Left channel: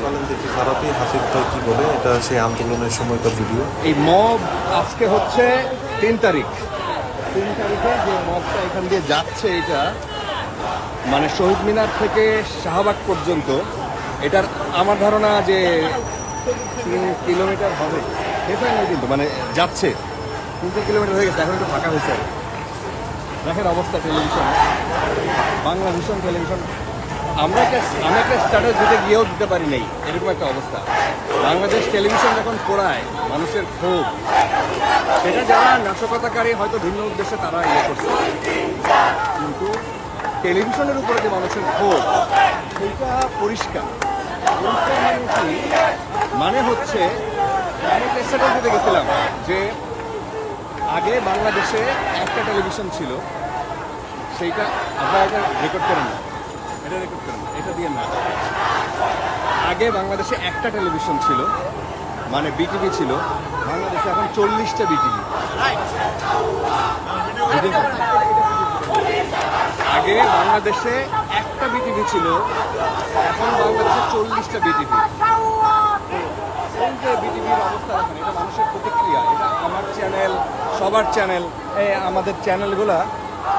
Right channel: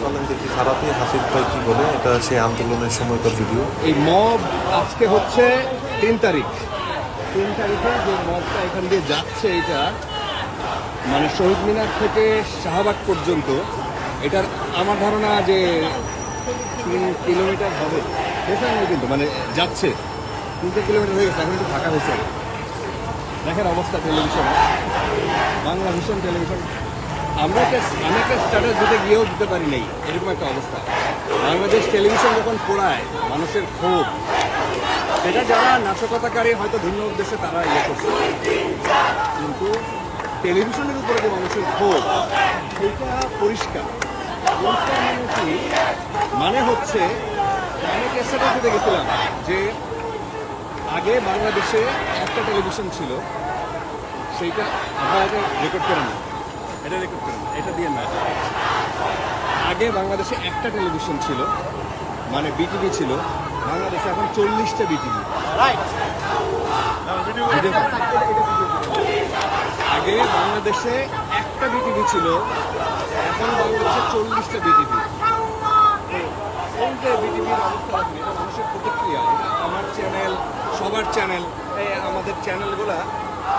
চলেন দেখি খারাপই, হাফিজ ভাই কি বলে? এটা সেই আন্দোলনের সময়কার ভিডিও এই মব আজকে হচ্ছে তিন তারিখ। তিন তারিখে যে মবটা এখান দিয়ে যাচ্ছে এটা মানে শহীদ মিনার থেকে শাহবাগ পর্যন্ত, এটার আমার ধারণা যে তিন কিলোমিটার হবে। দেখেন না কিন্তু মানে যাচ্ছে। তিনটে কিলোমিটার হয়ে গেছে, এখন একটু ফাঁকা হয়েছে। দেখেন অবস্থা টেলিভিশনে। বাংলা ভীষণ টেলিভিশন। আমরা আমি একটা স্ট্যাটাস দিতে গিয়েও দিতে পারি নাই, এরকম একটা অবস্থা। বাংলাদেশ টেলিভিশন যখন পড়ায়, মানুষের ক্ষোভ, সেটা যারা নাশকতাকারী হয়তো ভিন্ন উদ্দেশ্যে তারা ইয়ে করছে। কিন্তু টেলিভিশনের উপরে যে মানুষের ক্ষোভ, সেইটা পরিষ্কার। পরিষ্কার মানে কি? মানে হচ্ছে, আমি স্ট্যাটাস দিতে গেছিলাম যে আগে বাংলাদেশে একটা টেলিভিশন ছিল, সেইটা আপনারা এটা রেকর্ড করেন না। এটা রেকর্ড করেন, এটা দিয়ে না। আগে বাংলাদেশে একটা টেলিভিশন ছিল মানে বিটিভি ছিল, বাংলাদেশে এখন চল্লিশটা বিটিভি ভিডিও আগে বাংলাদেশে একটা বিটিভি ছিল, এখন বাংলাদেশে চল্লিশটা বিটিভি এই বিটিভির অবস্থা দেখেন, এটা মানুষের প্রতিক্রিয়া, এটা আমার চ্যানেল সবার চ্যানেল আমাদের চ্যানেলগুলো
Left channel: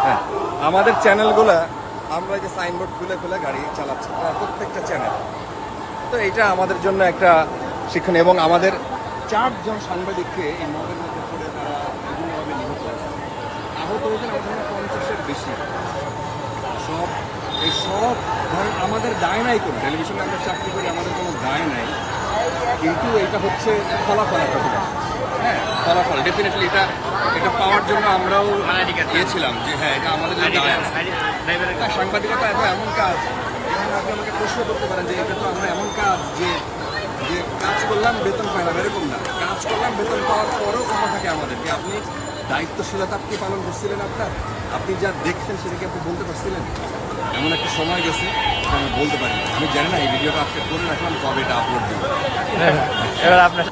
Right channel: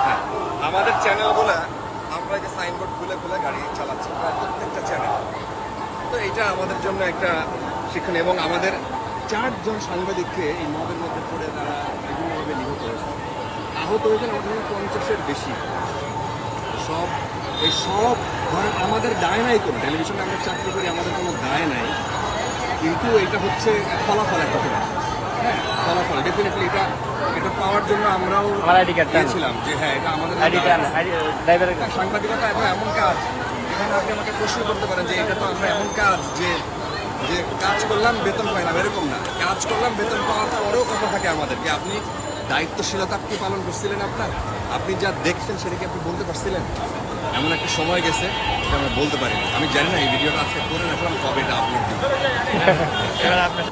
হ্যাঁ আমাদের চ্যানেলগুলো আমরা এই যে সাইনবোর্ড খুলে খুলে গাড়ি চালাচ্ছি প্রত্যেকটা চ্যানেল তো এটা আমাদের জন্য একটা শিক্ষণ এবং আমাদের চারজন সাংবাদিককে এই মবের মধ্যে পড়ে তারা বিভিন্নভাবে নিহত হয়েছে। আহত হয়েছেন আমার জন্য পঞ্চাশের বেশি। সব এই সব ধরেন আমাদের দায় নাই কোনো। টেলিভিশনে আমরা চাকরি করি আমাদের কোনো দায় নাই। কিন্তু এটা হচ্ছে ফলাফল একটা করে হ্যাঁ ফলাফল। ডেফিনেটলি এটা এটা পাওয়ার জন্য আমরাও দিয়েছিলাম যে হ্যাঁ এটা আমাদের এটা সাংবাদিকতা এত এমন কাজ। এখানে আপনি আমাকে প্রশ্ন করতে পারেন যে এটা তো আমরা এমন কাজ যে যে কাজ করলাম, বেতন পাইলাম, এরকম না। কাজ করলাম, বেতন পাওয়ার পরেও কথা থাকে আমাদের যে আপনি দায়িত্বশীলতা কি পালন করছিলেন আপনার? আপনি যা দেখছেন সেটা কি আপনি বলতে পারছিলেন? এমন একটা সময় গেছে, এটা আমি বলতে পারিনি। আমি জানি না, এই ভিডিওটা আজকে করে রাখলাম, কবে এটা আপলোড দিব এবার আপনার